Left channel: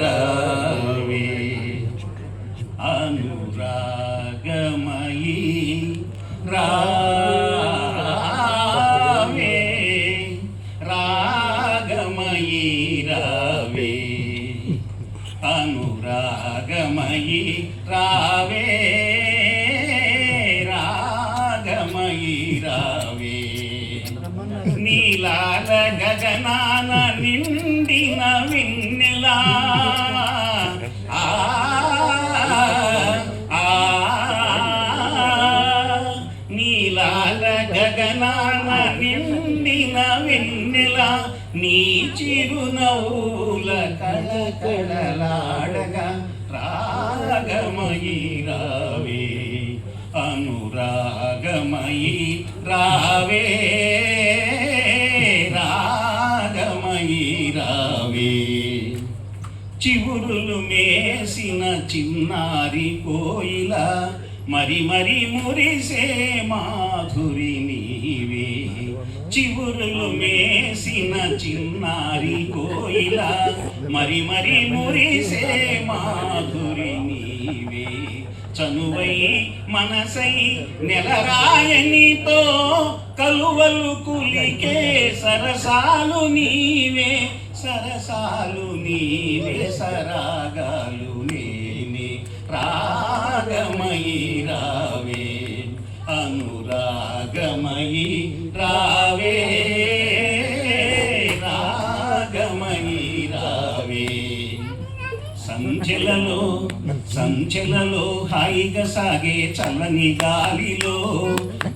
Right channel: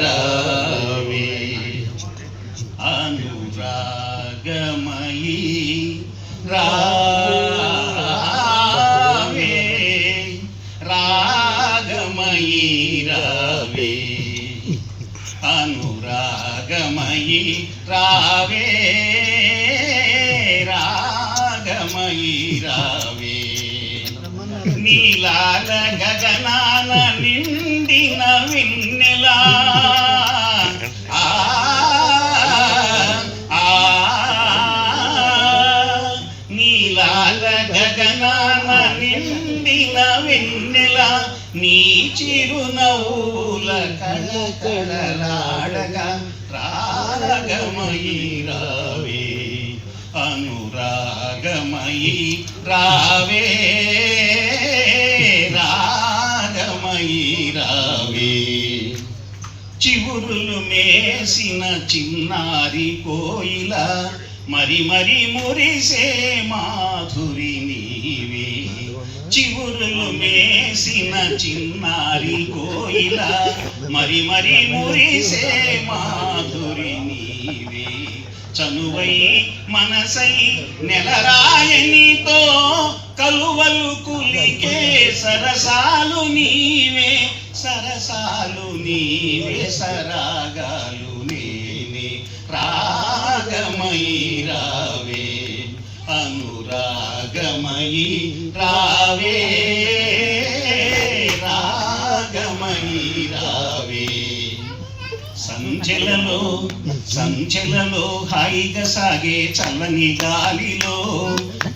రావే అనురాగమయీ రావే రాగమయీ రావే అనురాగమయీ రావే రాగమయీ రావే నీలాల గగనాన నిండిన వెన్నెలా నీలాల గగనాన నిండిన వెన్నెలా నీ చిరునవ్వుల కళకళలాడగా రాగమయీ రావే అనురాగమయీ రావే రాగమయీ రావే చివురులు మేసిన చిన్నారి కోయిల మరి మరి మురిసే మాధురి నీవే చివురులు మేసిన చిన్నారి కోయిల మరి మరి మురిసే మాధురి నీవే చనువై మనసై నెలరాయనితో కలువలు కులికే సరసాలు నీవే సరసాలు నీవే సరాగాలు నేనే రాగమయీ రావే అనురాగమయీ రావే రాగమయీ రావే సంచెలలో హాయిగా సాగే చల్లని గాలిలో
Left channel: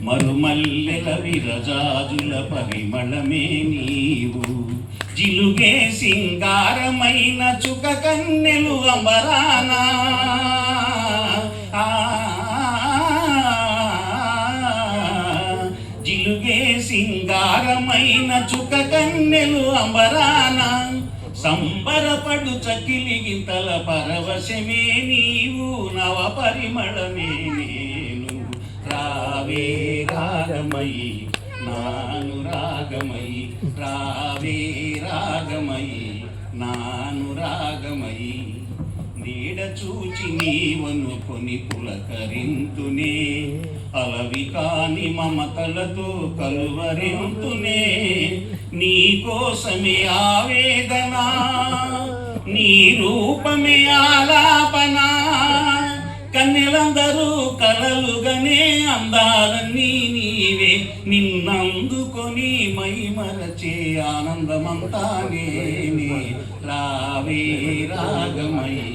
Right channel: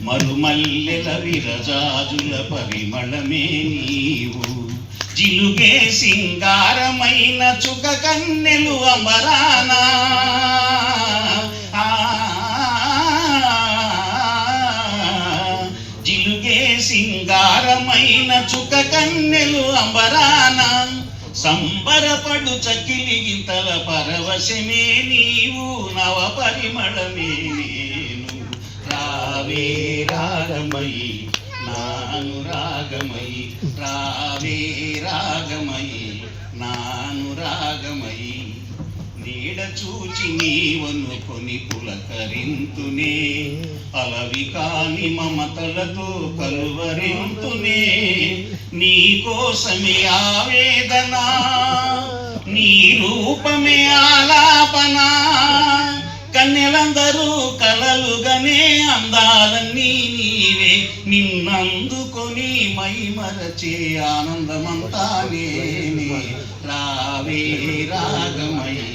మరుమల్లెల విరజాజుల పరిమళమే నీవు జిలుగే సింగారమైన చుక కన్నెలు అమరానా జిలుగే సింగారమైన చుక కన్నెలు అంబరానా సంబరపడు చకిలి గింతల పరవశమే నీవు నవ పరిమళమే నేను రావే రాగమయీ నాను రాగమయీ రావే రాగమయీ నాను రాగమయీ నీడ చూచి నీవనుకొని పులకరింతునే అలవి కాని మమతలతో కలువరింతునే నీ కోసమే ఆవేదన నీ రూపమే ఆలాపన కన్నెలందరూ కలలుగనే అందాలన్నీ నీవే నిన్నందుకొని మైమరచే ఆనందమంతా నేనే రావే రాగమయీ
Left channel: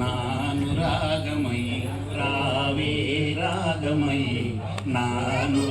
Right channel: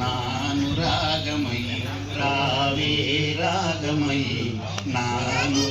నాను రాగమయీ రావే రాగమయీ నాను